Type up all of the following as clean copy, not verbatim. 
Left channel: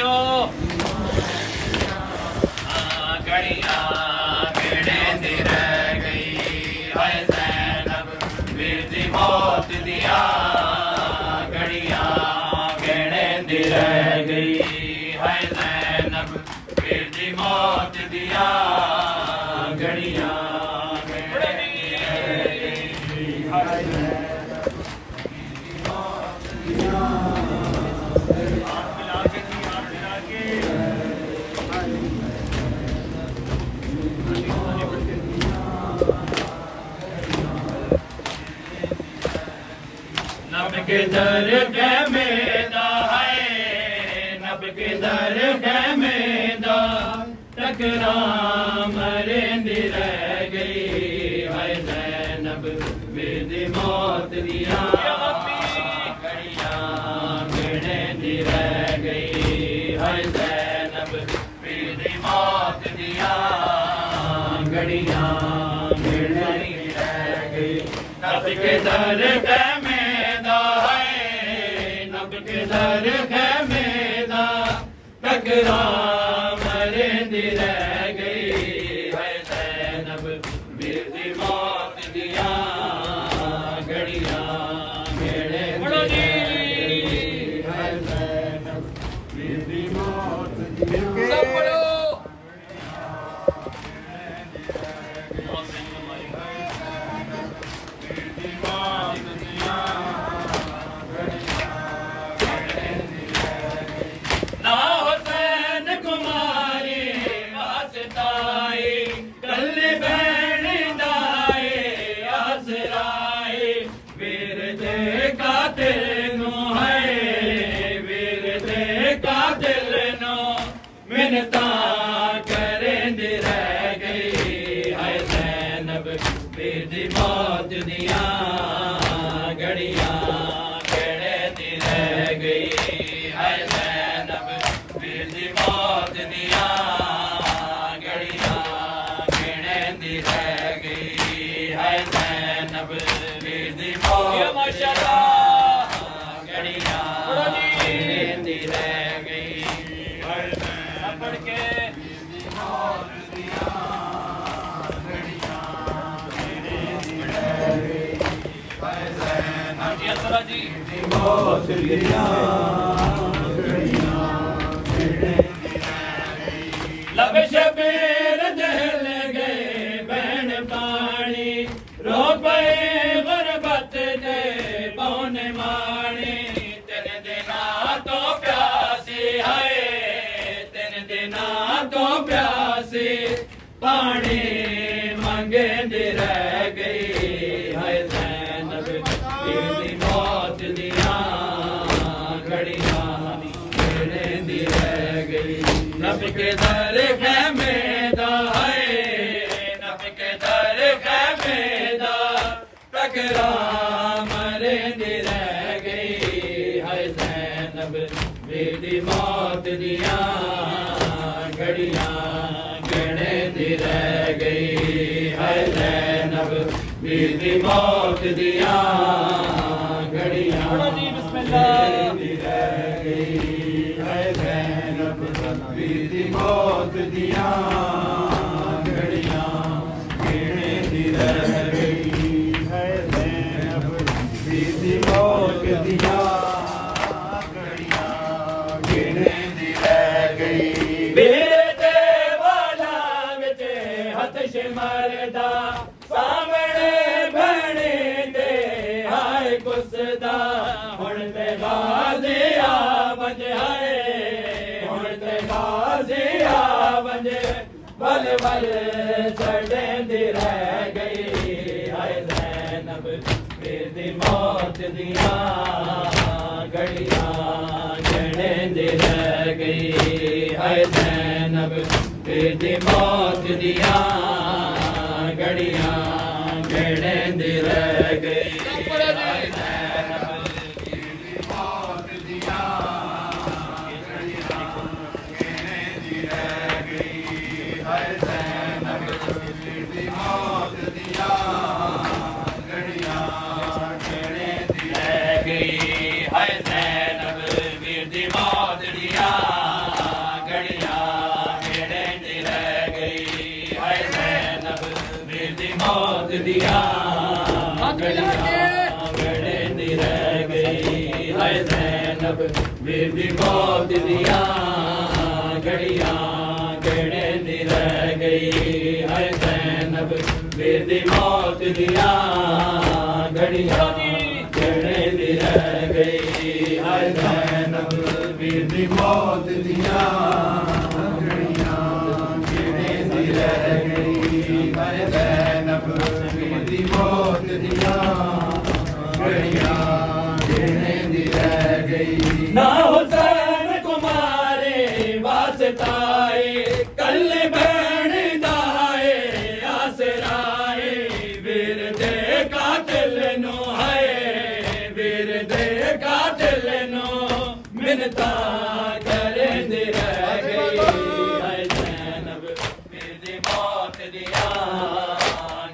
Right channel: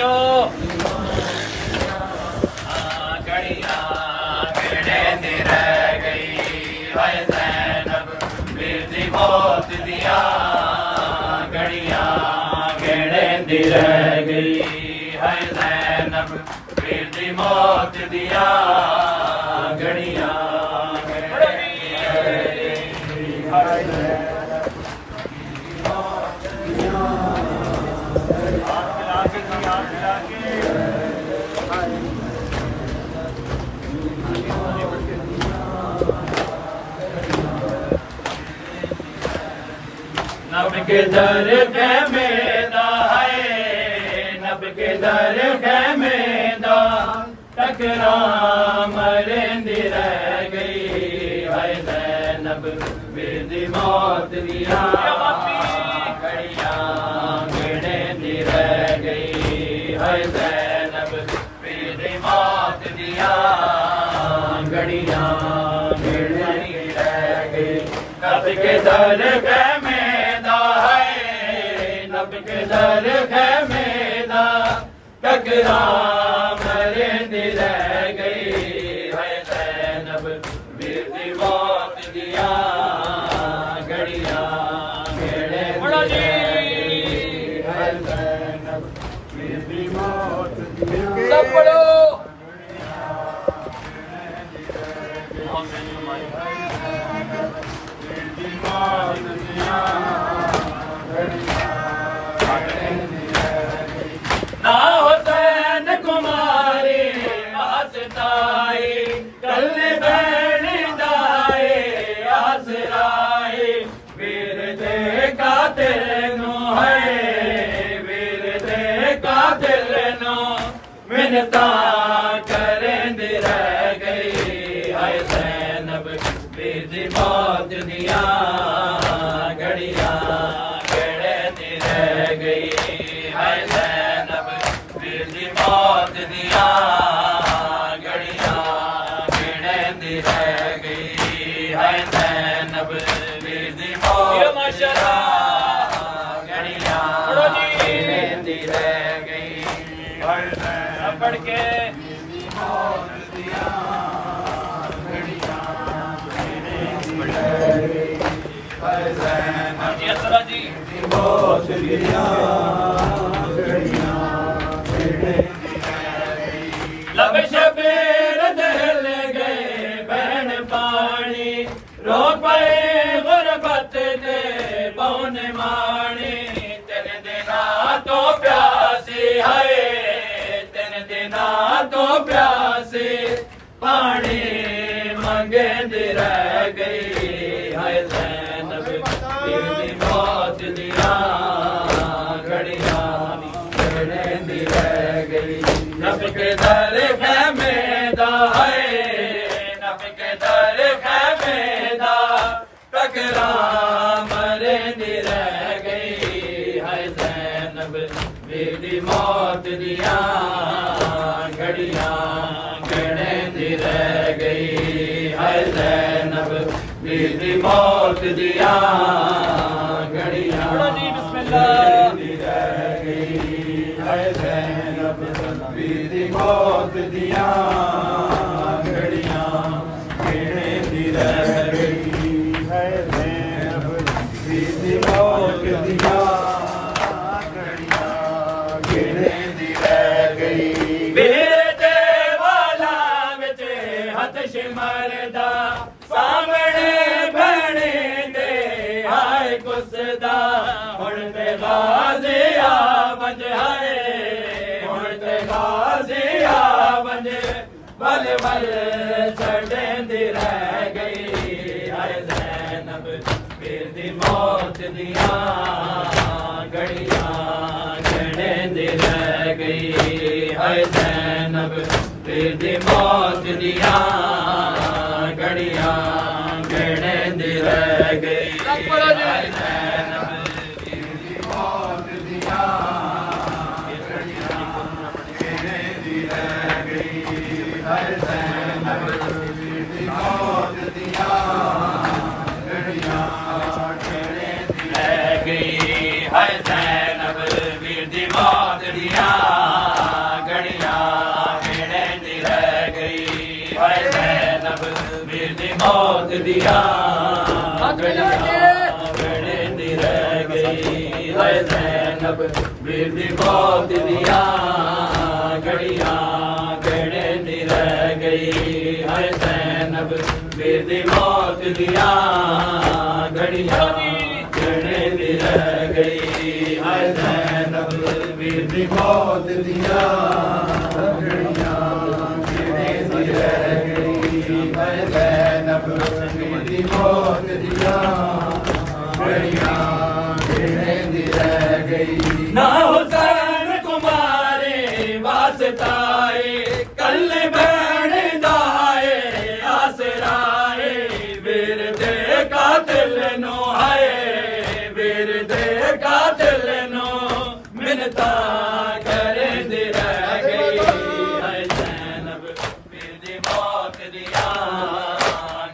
जियो घड़िया गेड़े दी रह गई है ज़ैनब वीर दी मौत दिया घड़िया गेड़े दी रह गई है ज़ैनब वीर दी मौत दिया घड़िया गेड़े दी रह गई है नब के दर खेमेदा है नब के दर खेमेदा टकरा मरेंदी रह गई है ज़ैनब वीर दी मौत दिया घड़िया गेड़ेंदी रह गई है ज़ैनब वीर दी मौत दिया घड़िया गेड़ेंदी रह गई नब के दर खेमेदा नब के दर खेमेदा टकरा मरेंदी रह गई है ज़ैनब वीर दी मौत दिया घड़िया गेड़ेंदी रह गई है ज़ैनब वीर दी मौत दिया सब पढ़ो ना हुसैन कुमारी आसताई कल बैण दाए आसराए वीर दे कातिल नु है वीर दे कातिल नु मिन्नता करेंदी रह गई है ज़ैनब वीर दी मौत दिया घड़िया गेड़ेंदी रह गई है ज़ैनब वीर दी मौत दिया घड़िया गेड़ेंदी रह गई है ज़ैनब वीर दी मौत दिया घड़िया गेड़ेंदी रह गई है ज़ैनब पढ़ के मौत दिया घड़िया गेड़ेंदी रह गई है ज़ैनब जी मौत दिया घड़िया लब शबीर दहल गए बहन पानी रो पए गुरबत दे पौन मानी तेन दिना तो प्यासी है तेन दिना तो प्यासी पानी मंगेंदी रह गई है ज़ैनब वीर दी मौत दिया घड़िया गेड़ेंदी रह गई नब के दर खेमेदा है नब के दर खेमेदा टकरा मरेंदी रह गई है ज़ैनब वीर दी मौत दिया घड़िया गेड़ेंदी रह गई है ज़ैनब वीर दी मौत दिया घड़िया गेड़ेंदी रह गई है ज़ैनब वीर दी मौत दिया घड़िया गेड़ेंदी रह गई है ज़ैनब वीर दी मौत दिया घड़िया गेड़ेंदी रह गई वीर दे वाला विच हथ शिमरदा सामने बहने दे आए कुसदा हुण ते गाज़ी आवज है बल बल छड़ेंदी रह गई है ज़ैनब वीर दी मौत दिया घड़िया गेड़ेंदी रह गई है ज़ैनब वीर दी मौत दिया घड़िया गेड़ेंदी रह गई है ज़ैनब वीर दी मौत दिया घड़िया गेड़ेंदी रह गई है ज़ैनब वीर दी मौत दिया घड़िया गेड़ेंदी रह गई है ज़ैनब वीर दी मौत दिया हाय ज़ैनब वीर दी मौत दिया घड़ियां गहने दी रह गई हाय ज़ैनब वीर दी मौत दिया घड़ियां गहने दी रह गई हाय ज़ैनब वीर दी मौत दिया घड़ियां गहने दी रह गई हाय ज़ैनब वीर दी मौत दिया घड़ियां गहने दी रह गई ना हुसैन तुम्हारे वास्ताए कल बैण दाए आसराए वीर दे कातिल नो हाय वीर दे कातिल नो मिन्नता करे दी रह गई हाय ज़ैनब वीर दी मौत दिया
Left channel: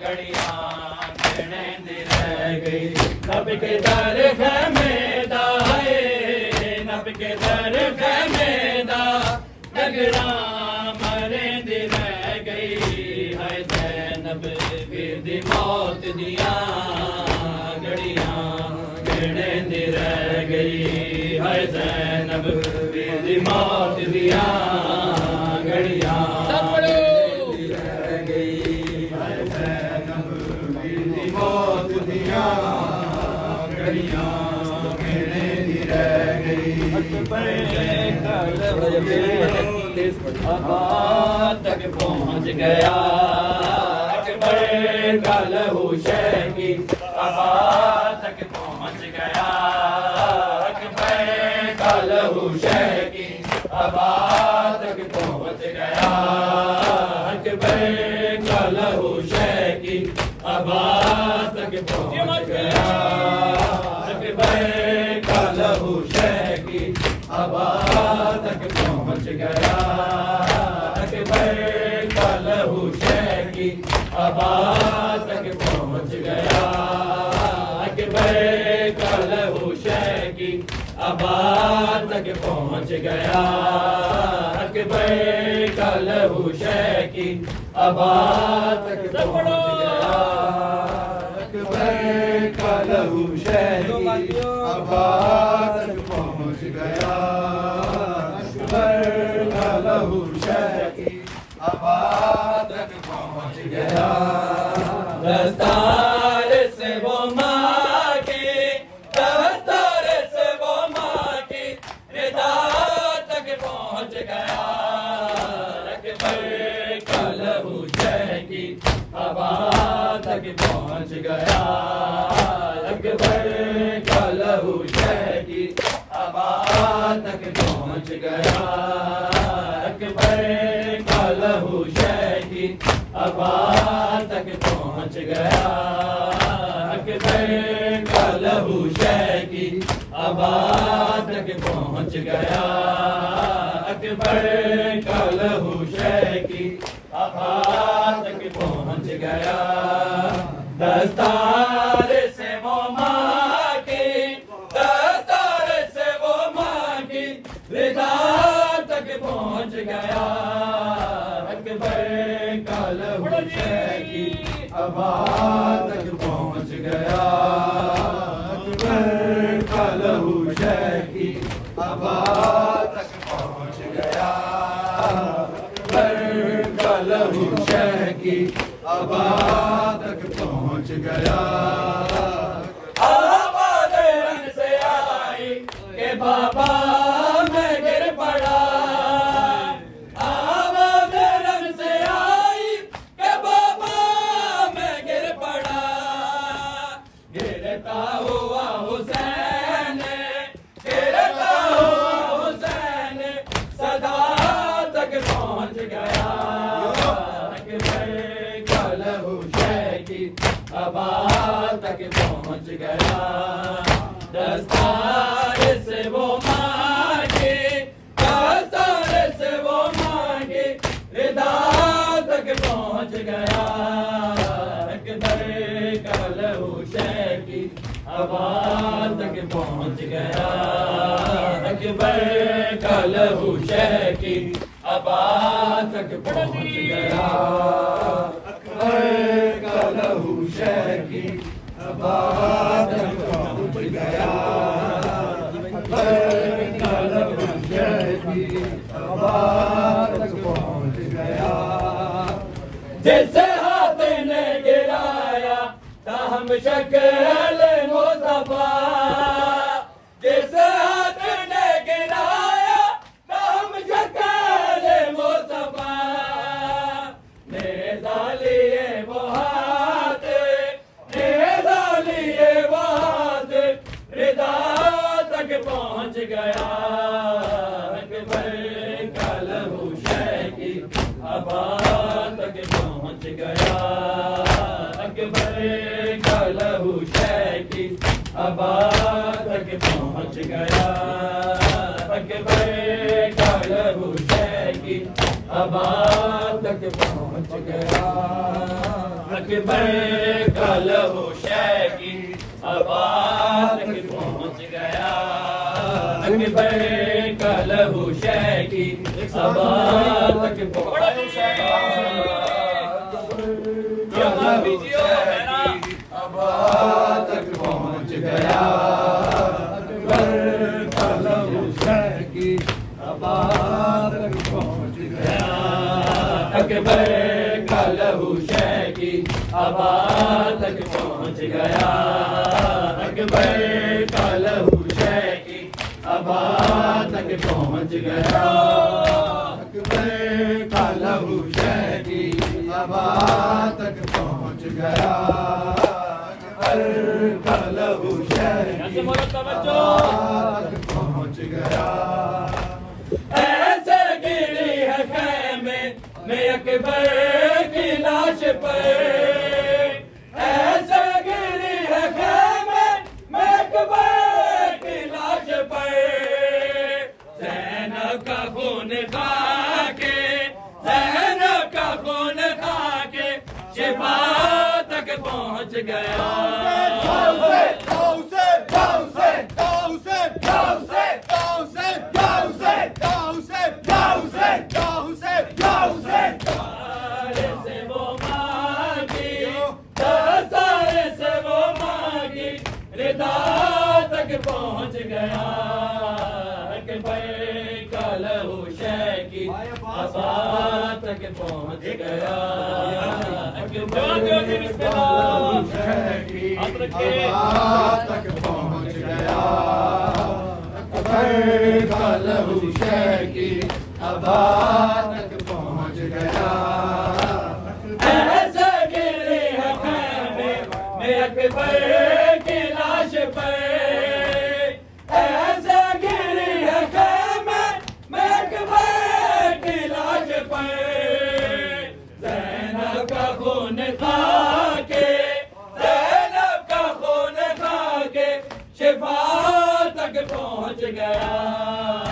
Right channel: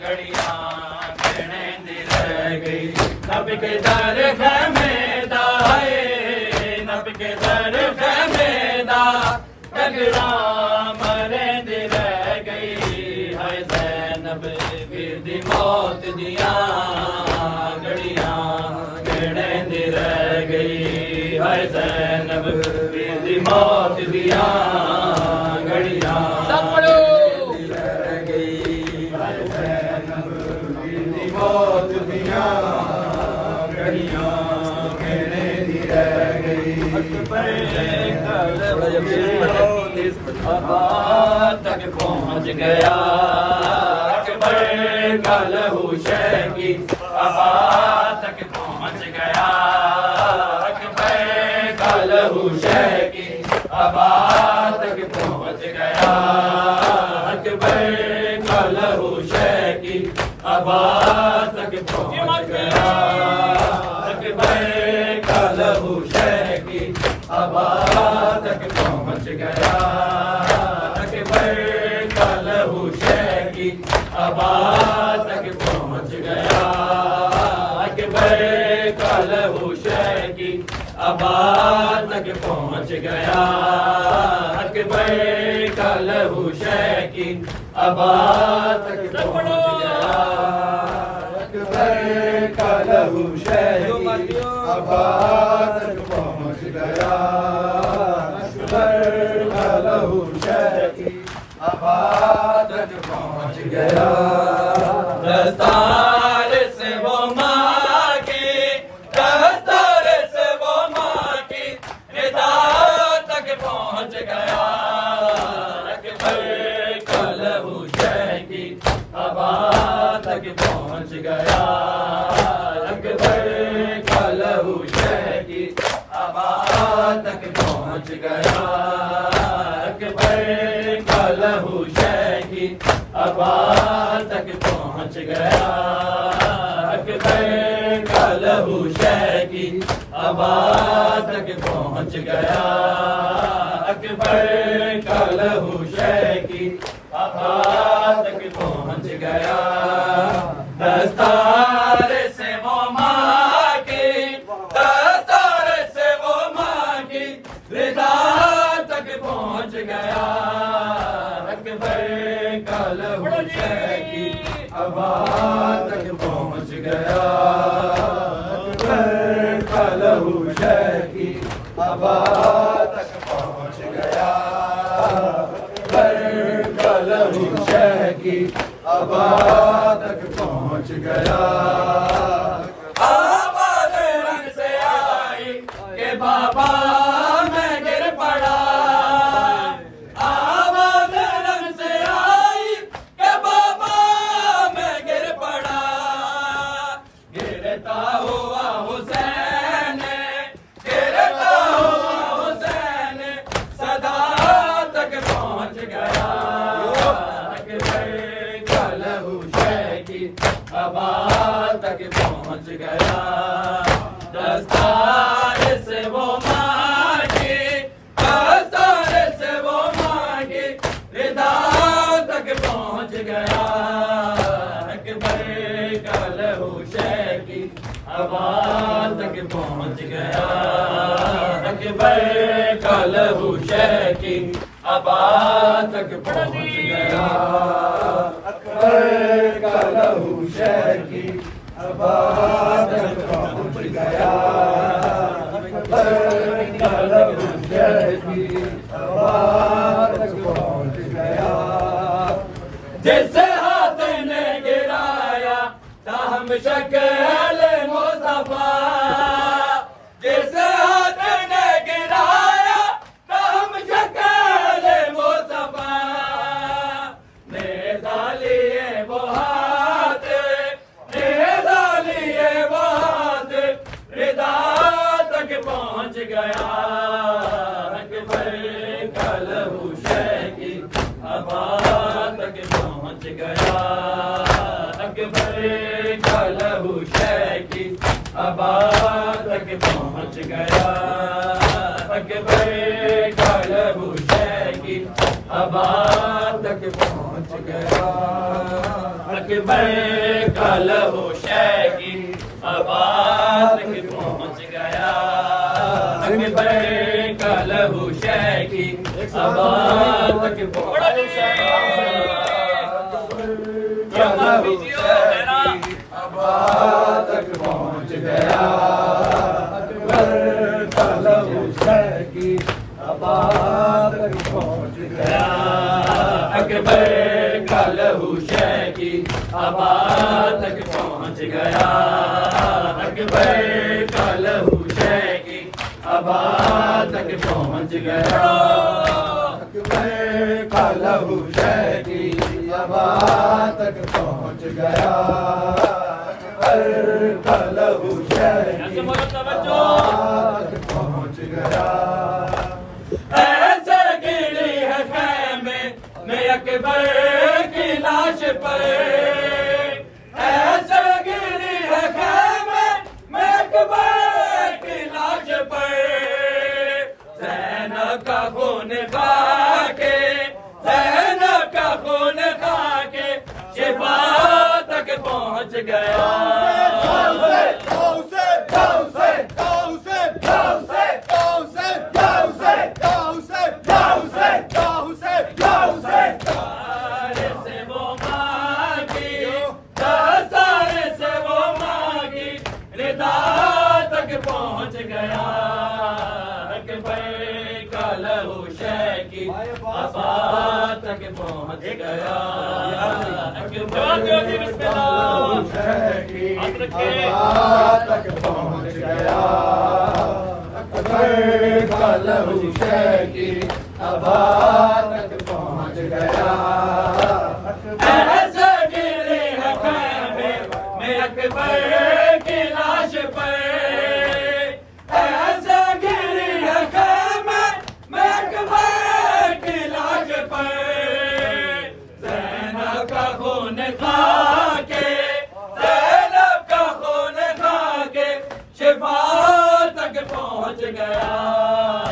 घड़ियां गहने दी रह गई नब के दर खैमेदा नब के दर खैमेदा कगड़ा मरे दी रह गई हाय ज़ैनब वीर दी मौत दिया घड़ियां गहने दी रह गई हाय ज़ैनब वीर दी मौत दिया घड़ियां दी रह गई हाय ज़ैनब वीर दी मौत दिया घड़ियां गहने दी रह गई तक पहुंच गया अकबर कल हुसैन की तक पहुंच गया अकबर कल हुसैन की तक पहुंच गया अकबर कल हुसैन की तक पहुंच गया अकबर कल हुसैन की तक पहुंच गया अकबर कल हुसैन की तक पहुंच गया अकबर कल हुसैन की तक पहुंच गया अकबर कल हुसैन की तक पहुंच गया अकबर कल हुसैन की तक पहुंच गया अकबर कल हुसैन की तक पहुंच गया दस्तार से वो माँ की दस्तार से वो माँ की हिदा तक पहुंच गया अकबर कल हुसैन की तक पहुंच गया अकबर कल हुसैन की तक पहुंच गया अकबर कल हुसैन की तक पहुंच गया अकबर कल हुसैन की तक पहुंच गया अकबर कल हुसैन की तक पहुंच गया दस्तार से वो माँ की दस्तार से वो माँ की रिदा तक पहुंच गया अकबर कल हुसैन की तक पहुंच गया अकबर कल हुसैन की तक पहुंच गया अकबर कल हुसैन की तक पहुंच गया आवाज़ रंग से आई कि बाबा मैं गिर पड़ा आवाज़ रंग से आई कि बाबा मैं गिर पड़ा गिरता हुआ हुसैन गिरता हुआ हुसैन सदा तक पहुंच गया कल हुसैन की तक पहुंच गया दस्तार से वो मांगी दस्तार से वो मांगी रिदा तक पहुंच गया अकबर कल हुसैन की तक पहुंच गया अकबर कल हुसैन की तक पहुंच गया अकबर कल हुसैन की तक पहुंच गया शहकी अबा तक पहुँच गया। जिस हाथ ने गिराया ताहम शक्ल मुस्तफा, जिस हाथ ने गिराया ताहम शक्ल मुस्तफा, नेज़ा लिए वो हाथ, नेज़ा लिए वो हाथ, रिदा तक पहुँच गया। अकबर का लहू शहकी अबा तक पहुँच गया। अकबर का लहू शहकी अबा तक पहुँच गया। अकबर का लहू शहकी अबा तक पहुँच गया। अकबर का लहू शहकी अबा तक पहुँच गया। अकबर का लहू शहकी अबा तक पहुँच गया। अबा तक पहुँच गया। अकबर का लहू शहकी अबा तक पहुँच गया। अकबर का लहू शहकी अबा तक पहुँच गया। अकबर का लहू शहकी अबा तक पहुँच गया। अकबर का लहू शहकी अबा तक पहुँच गया। अकबर का लहू शहकी अबा तक पहुँच गया। ऐसा गिरी है खैमे में अकबर की लाश पर, ऐसा गिरी है खैमे में अकबर की लाश पर। ज़ैनब का खून खाके, ज़ैनब का खून खाके शिफा तक पहुँच गया। पहुँच गया। अकबर का लहू शहकी अबा तक पहुँच गया। अकबर का लहू शहकी अबा तक पहुँच गया। अकबर का लहू शहकी अबा तक पहुँच गया। ऐसा गिरी है खैमे में अकबर की लाश पर, ऐसा गिरी है खैमे में अकबर की लाश पर। ज़ैनब का खून खाके, ज़ैनब का खून खाके शिफा तक पहुँच गया।